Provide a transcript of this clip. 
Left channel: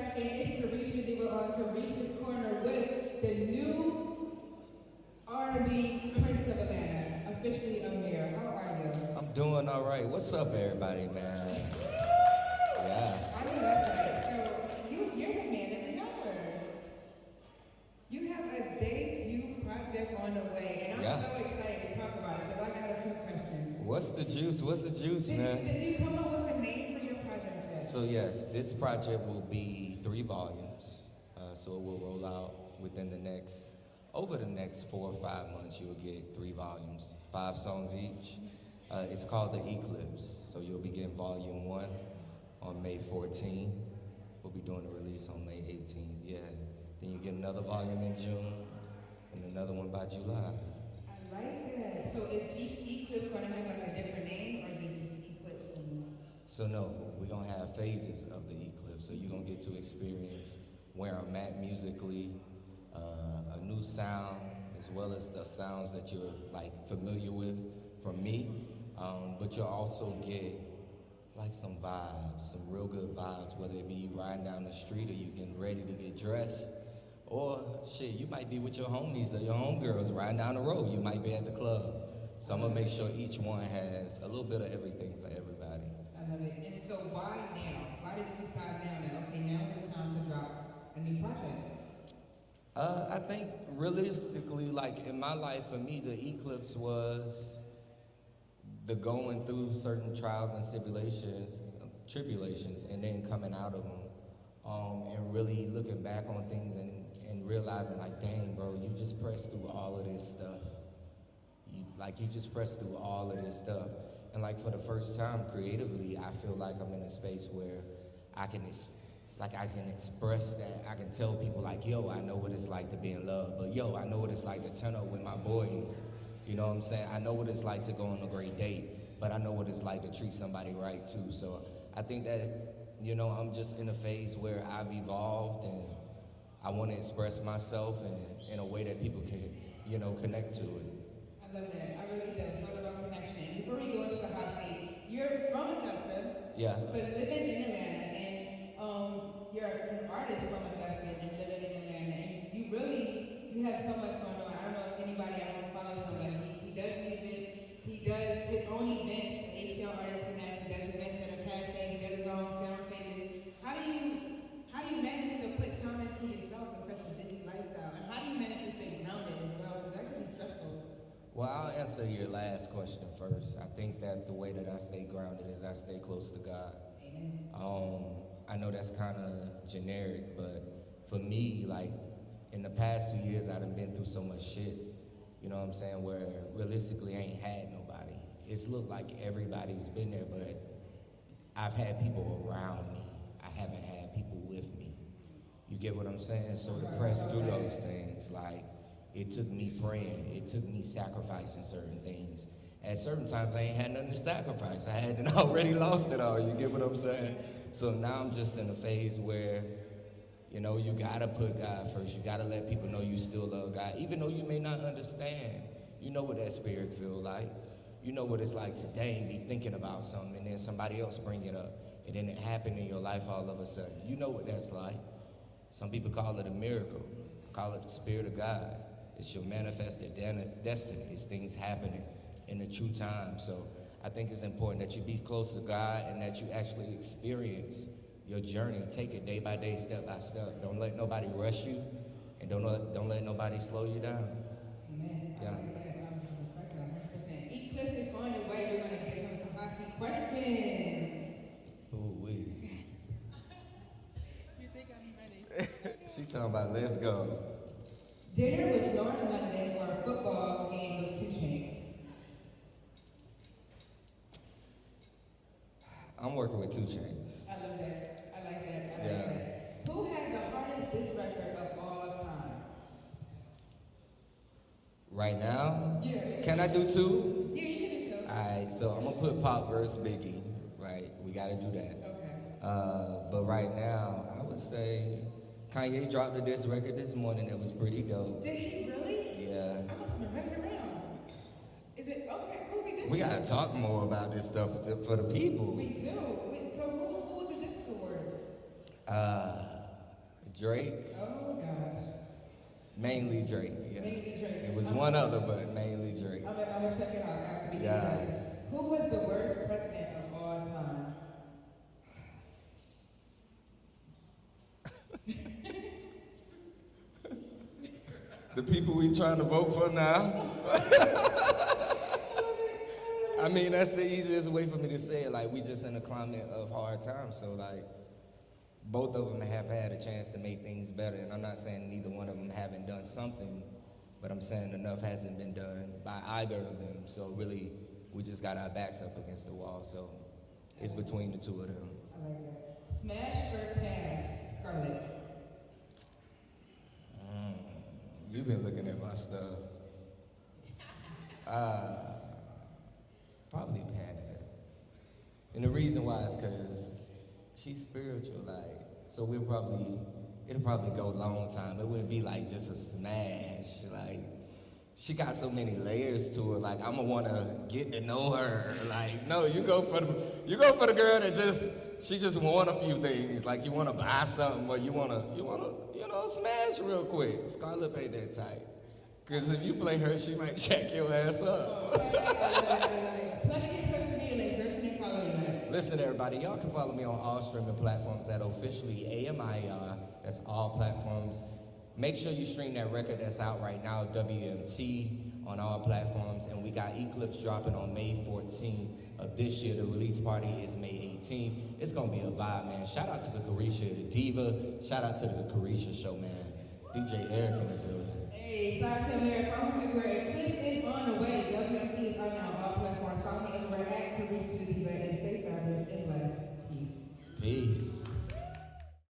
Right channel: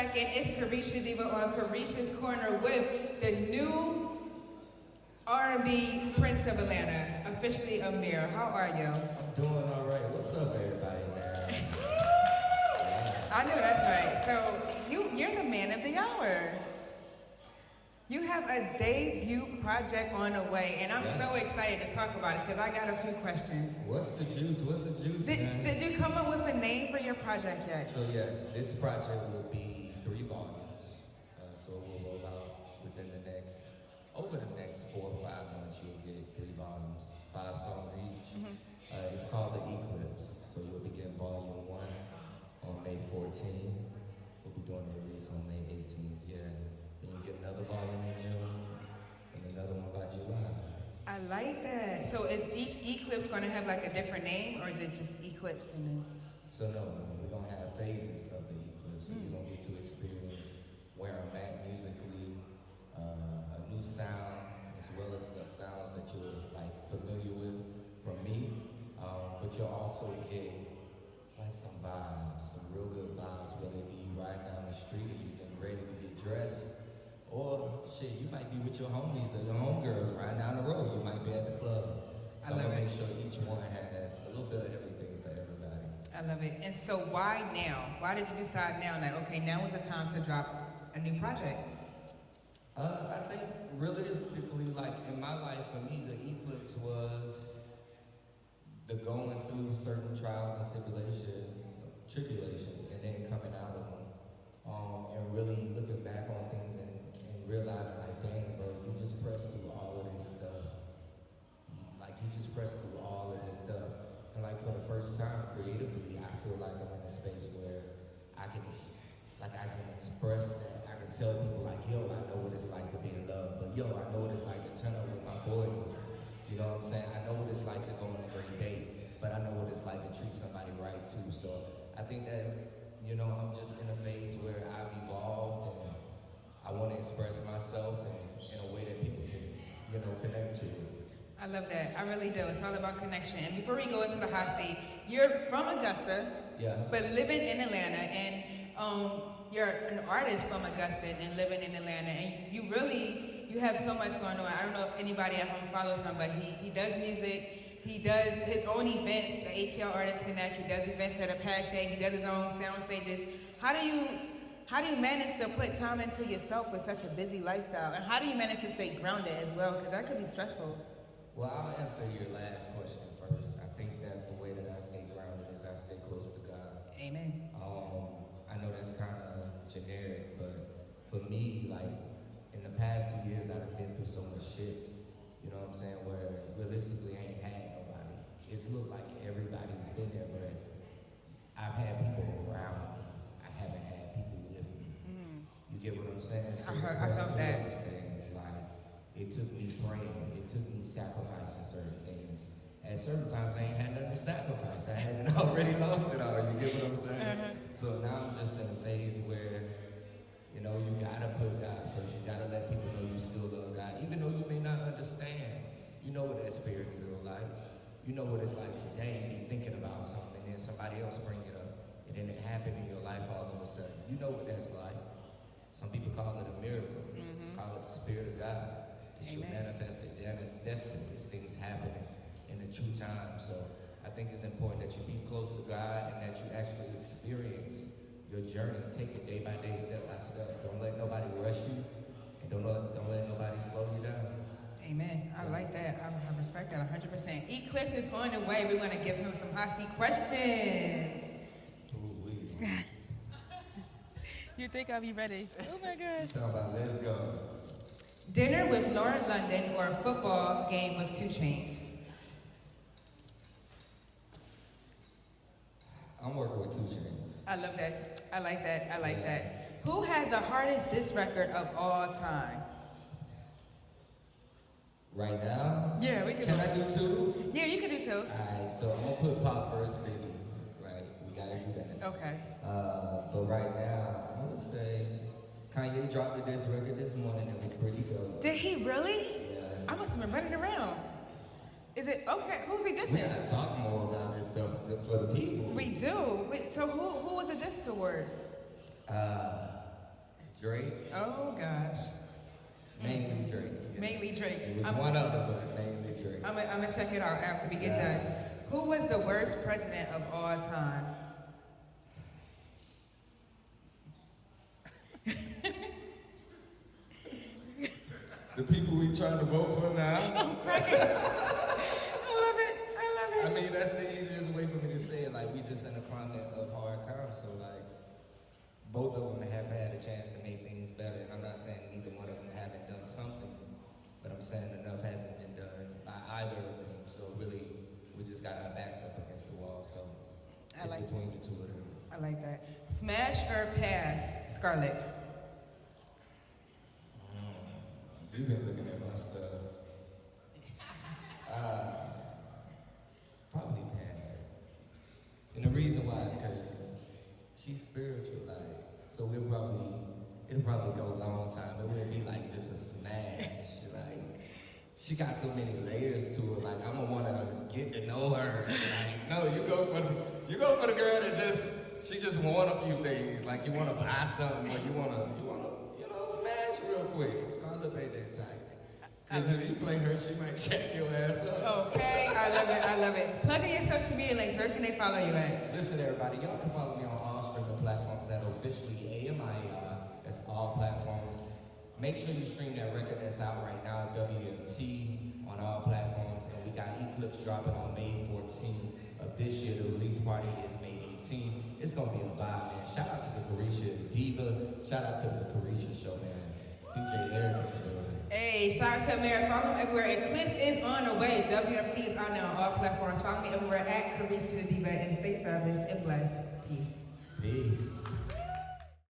back in. It's Carisha Diva on Carisha's Corner with the new R&B Prince of Atlanta, officially Amir. How are you? I'm doing all right. What's up, everybody, man? Yeah. I know that's right. So you're the man of the hour. You have a debut project on the way, and I'm so excited to talk about it because I got a few questions. What's the juice? What's the juice, man? Did you come up with a name for your project yet? So yes, this project will be 3 volumes. So it will roll out within over the next 4 or 5 months. You will get 3 volumes, 5 songs each. It's called The Eclipse. So you'll begin volume 1 on May 14th. We'll be doing the release on May 18th. Yeah. Then you get another volume in June, and another one by July. I like that. So is each eclipse going to have like a different name, or is it just eclipse? So no, we're going to have phases of the eclipse. So you're going to get to experience where I'm at musically, a new sound, as well as the sounds that you're like familiar with from me. But you'll also get like some vibes, some real good vibes, whether it be you riding down the street or you getting ready to get dressed. Or shit, you might be with your homies or your homegirls riding down the road. You might be at the club. So I'm gonna make sure each one has a little bit of everything for everybody. I love it. And so why now? Why did you decide now that, okay, now is the time to drop a new project? I think realistically, like in my life, for me, the eclipse was the going through certain trials and tribulations, and then coming out of them. And really looking back on things and realizing like, dang, bro, you just pressed through all of this stuff. You just pressed through all of this stuff. And like for the first time creatively, I feel like I'm in a space where I can express that. I can tell people like, yo, I know what it's like to be in love, but yo, I know what it's like to turn up with my boys. You know what I'm saying? I know what it's like to go on a great date, but I know what it's like to treat somebody right too. So I think that, you know, I'm just in a phase where I've evolved and I want to express myself in a way that people can, you know, connect to it. I love that. I really do. It's all about connection. And before we go into the hot seat, you're from Augusta, but living in Atlanta, and you're an artist from Augusta and living in Atlanta, and you have so much going on. I don't know if anybody at home follows him, but he does music. He does his own events, the ATL Artists Connect. He does events at Apache. He does his own sound stages. How do you manage to put time into yourself with such a busy lifestyle? And how do you manage to stay grounded as well? Because that could be stressful. Well, I'll answer your last question first. I think that the way that I stay grounded is I stay close to God. Amen. I know that's kind of generic, but for me, like in the past 2 years, I've been through so much shit. You know what I'm saying? Where realistically, I ain't had nobody. It's looked like everybody's been there, but I've had people around me. I haven't had people with me. You get what I'm saying? So going through those things, like it took me praying, it took me sacrificing certain things. At certain times, I ain't had nothing to sacrifice. I hadn't already lost it all. You get what I'm saying? So now I'm just in a phase where, you know, you gotta put God first. You gotta let people know you still love God, even though you may not understand. You know what that spirit feel like. You know what it's like today and be thinking about something, and then somebody else bring it up, and then it happen in your life all of a sudden. You know what that's like. Some people call it a miracle. Call it the spirit of God. It's your manifested destiny. It's things happening in the true time. So I think it's important that you be close to God and that you actually experience your journey. Take it day by day, step by step. Don't let nobody rush you, and don't let nobody slow you down. Amen. I like that. I respect that 100%. Eclipse is on the way. We're going to give him some hot seat questions. Ooh-wee. You think I'll be ready? Oh my God. She's talking about let's go. Dinner with Lauren London or a football game with 2 Chainz? I'm working with 2 Chainz. I love that. I like that. I like that. Who had the hardest diss record of all time? Right now? Yeah, we can. Can I do 2? Yeah, you can do 2. Alright, so I'm gonna put Pop versus Biggie. Right, we gotta do that. Okay. But right now, I would say Kanye dropped a diss record this morning that was pretty dope. Did he really? Yeah. I must have been running around. Is it okay? Who's he dissing? We gotta talk more about this stuff for the people. We do. Wait, so who was it diss towards? Drake. Oh gosh. Mainly Drake. Yeah. Mainly Drake. It was one other, but mainly Drake. I'm gonna check it out after we get done. Who was the worst president of all time? The people we trying to vote for now. I love it. I mean, that's the easiest way for me to say it. Like, we just in a climate of hard times, so like, both of them have had a chance to make things better. And I'm not saying neither one of them haven't done something, but I'm saying enough hasn't been done by either of them. So really, we just got our backs up against the wall. So it's like between the two of them. I like that. Smash or pass, Scarlett? You've been looking at my stuff. Probably pass. And the reason why is because she's spiritual, like, so it'll probably go a long time. It wouldn't be like just a smash. Like, she got so many layers to her. Like, I'ma wanna get to know her. Like, no, you go for the girl that she just want a few things. Like, you wanna buy something, but you wanna smash real quick. Scarlett ain't that type. Cause if you play her, she might check your ass up. Okay, I love it. Plug in your social media links. Where can they follow you at? Listen, everybody, y'all can follow me on all streaming platforms at officially AMIER. That's all platforms. Make sure you stream that record that's out right now, WMT, on all platforms. And we got Eclipse dropping on May 14th of this year. The release party is May 18th. It's gonna be a vibe, man. Shout out to the Carisha, the diva. Shout out to the Carisha show, man. DJ Eric in the building. Hey, shout out to America. Follow me everywhere. Eclipse is on the way. WMT is on there on all platforms. Follow me everywhere at Carisha the Diva and stay fabulous and blessed. Peace. Peace.